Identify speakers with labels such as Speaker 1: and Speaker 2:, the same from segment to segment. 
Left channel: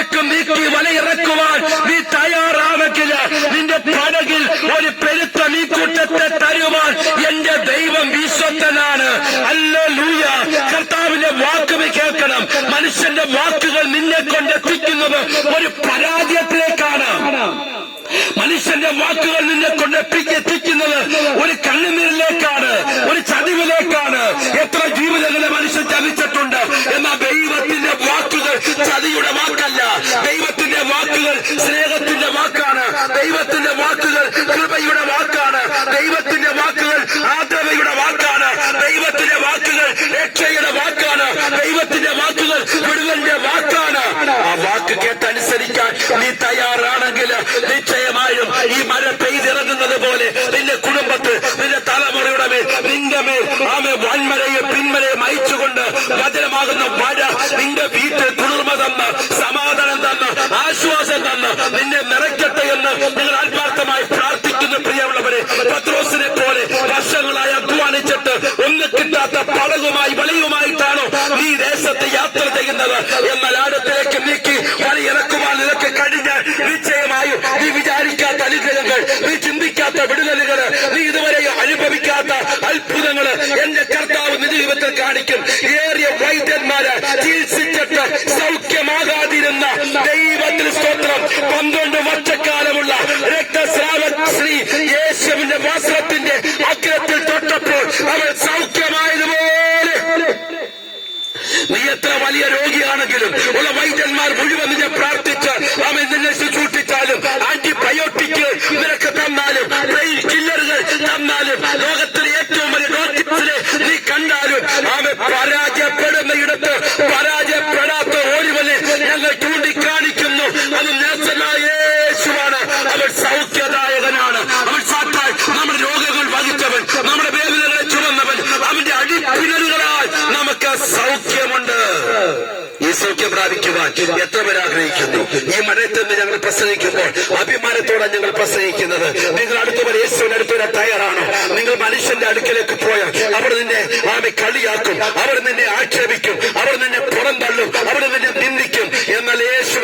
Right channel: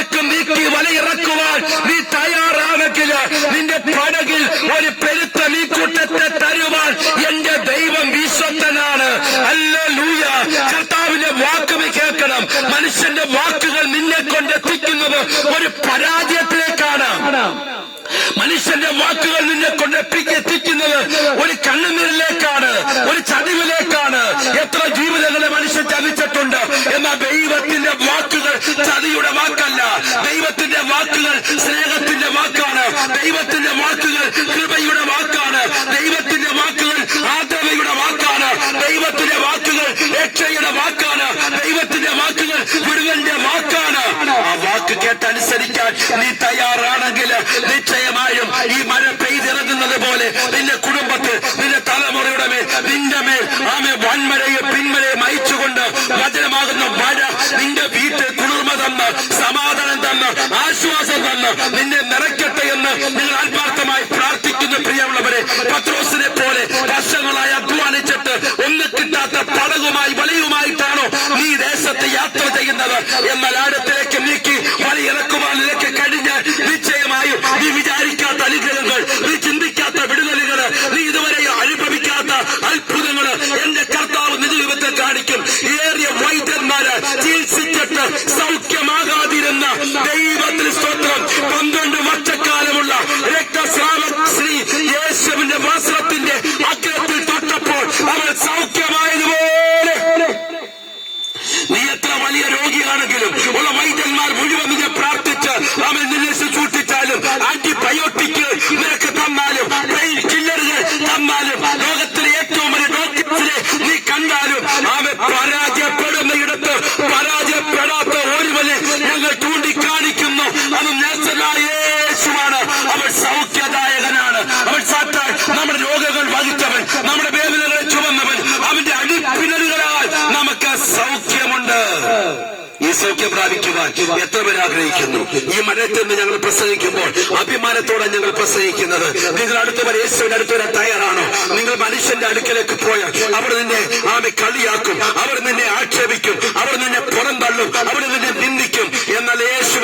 Speaker 1: ആഴത്തിലേക്ക് നീക്കി വലയിറക്കുവാൻ നീ തയ്യാറാണെങ്കിൽ നിന്റെ പടകിൽ ഒരു പെരുത്ത നീക്കൂട്ടത്തെ തരുവാൻ എന്റെ ദൈവം വിശ്വത്തനാണ് അല്ല ലൂയ കർത്താവിന്റെ വാക്കുകൾ കേൾക്കണം. മനുഷ്യന്റെ വാക്കുകൾ നിന്നെ കൊണ്ടെത്തിക്കുന്നത് ഒരു പരാജയത്തിലേക്കാണ്. മനുഷ്യന്റെ വാക്കുകൾ നിന്നെ കൊണ്ട് എത്തി- എത്തിക്കുന്നത് ഒരു കണ്ണുനീരിലേക്കാണ്. ഒരു ചതിവിലേക്കാണ്. ചതിയുടെ വാക്കല്ല. ദൈവത്തിന്റെ വാക്കുകൾ സ്നേഹത്തിന്റെ വാക്കാണ്. ദൈവത്തിന്റെ വാക്കുകൾ കൃപയുടെ വാക്കാണ്. ദൈവത്തിന്റെ വാക്കുകൾ ആദ്രവയുടെ വാക്കാണ്. ദൈവത്തിന്റെ വാക്കുകൾ രക്ഷയുടെ വാക്കാണ്. ദൈവത്തിന്റെ വാക്കുകൾ ഗുരുവിന്റെ വാക്കാണ്. ആ വാക്ക് കേട്ടനുസരിക്കാൻ നീ തയ്യാറാണെങ്കിൽ നിശ്ചയമായും ഈ മഴ പെയ്തിറങ്ങുന്നത് പോലെ നിന്റെ കുടുംബത്തിൽ നിന്റെ തലമുറയുടെ മേൽ നിന്റെ മേൽ ആമെ വൻമഴയും പിന്മഴയെ അയച്ചുകൊണ്ട് വചനമാകുന്ന മഴ നിന്റെ വീട്ടിൽ തന്ന് സമാധാനം തന്ന് ആശ്വാസം തന്ന് നിന്നെ നിറയ്ക്കട്ടെ എന്ന് നിങ്ങൾ ആത്മാർത്ഥമായി പ്രാർത്ഥിക്കുന്ന പ്രിയമുള്ളവരെ. പത്രോസിനെ പോലെ വർഷങ്ങളായി അധ്വാനിച്ചിട്ട് ഒന്ന് കിട്ടാത്ത പടകുമായി വലയുമായിട്ടാണോ നീ ദേശത്ത് യാത്ര ചെയ്യുന്നത്? എന്നാൽ ആഴത്തിലേക്ക് നീക്കി വലയിറക്കുവാൻ നിനക്ക് കഴിഞ്ഞാൽ നിശ്ചയമായും നീ വിചാരിക്കാത്ത അനുഗ്രഹങ്ങൾ നീ ചിന്തിക്കാത്ത വിടുതലുകൾ നീ ഇതുവരെ അനുഭവിക്കാത്ത അത്ഭുതങ്ങൾ വൈദ്യന്മാര് ചികിത്സിച്ചിട്ട് സൗഖ്യമാകാതിരുന്ന ദൈവത്തിന് സ്തോത്രം. പന്ത്രണ്ട് വർഷക്കാലമുള്ള രക്തസ്രാവ ശ്രീ യേശുവിന്റെ വസ്ത്രത്തിന്റെ അഗ്രത്തിൽ തൊട്ടപ്പോൾ അവൾ സൗഖ്യമായതുപോലെ. നീ എത്ര വലിയ രോഗിയാണെങ്കിലും ഉള്ള വൈദ്യന്മാർ മുഴുവൻ നിന്നെ പ്രാർത്ഥിച്ച് അവൻ നിന്നെ ശുശ്രൂഷിച്ചാലും അവൻ സൗഖ്യദായകനാണ്. അവൻ സാത്താൻ നമ്മുടെ രോഗങ്ങൾ വഹിച്ചവൻ നമ്മുടെ വേദനകളെ ചുമന്നവൻ അവന്റെ അടിപ്പിണലുകളാൽ നമുക്ക് സൗഖ്യമുണ്ട്. ഈ സൗഖ്യം പ്രാപിക്കുവാൻ എത്ര പേർ ആഗ്രഹിക്കുന്നു? ഈ മഴയത്ത് നിന്ന് ഞങ്ങൾ പ്രസംഗിക്കുമ്പോൾ അഭിമാനത്തോടെ ഞങ്ങൾ പ്രസംഗിക്കുന്നത് നിങ്ങൾ അടുത്തവർ യേശുവിന്റെ അടുത്തവരെ തയ്യാറാണോ? നിങ്ങൾ മനുഷ്യന്റെ അടുക്കലേക്ക് പോയാൽ അവർ നിന്നെ ആമെ കളിയാക്കും അവർ നിന്നെ ആക്ഷേപിക്കും അവർ നിന്നെ പുറന്തള്ളും അവർ നിന്നെ നിന്ദിക്കും.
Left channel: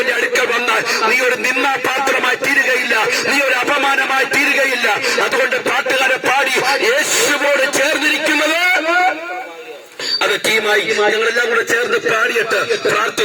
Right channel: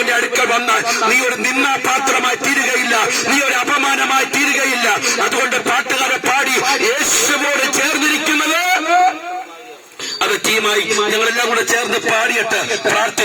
Speaker 1: യേശുവിന്റെ അടുക്കൽ വന്നാൽ നീ ഒരു നിന്നാപാത്രമായി തീരുകയില്ല. നീ ഒരു അപമാനമായി തീരുകയില്ല. അതുകൊണ്ട് പാട്ടുകാരെ പാടി യേശുവോട് ചേർന്നിരിക്കുന്നത് അത് ടീമായി ഞങ്ങളെല്ലാം കൂടെ ചേർന്ന് പാടിയിട്ട് പ്രാർത്ഥിക്കും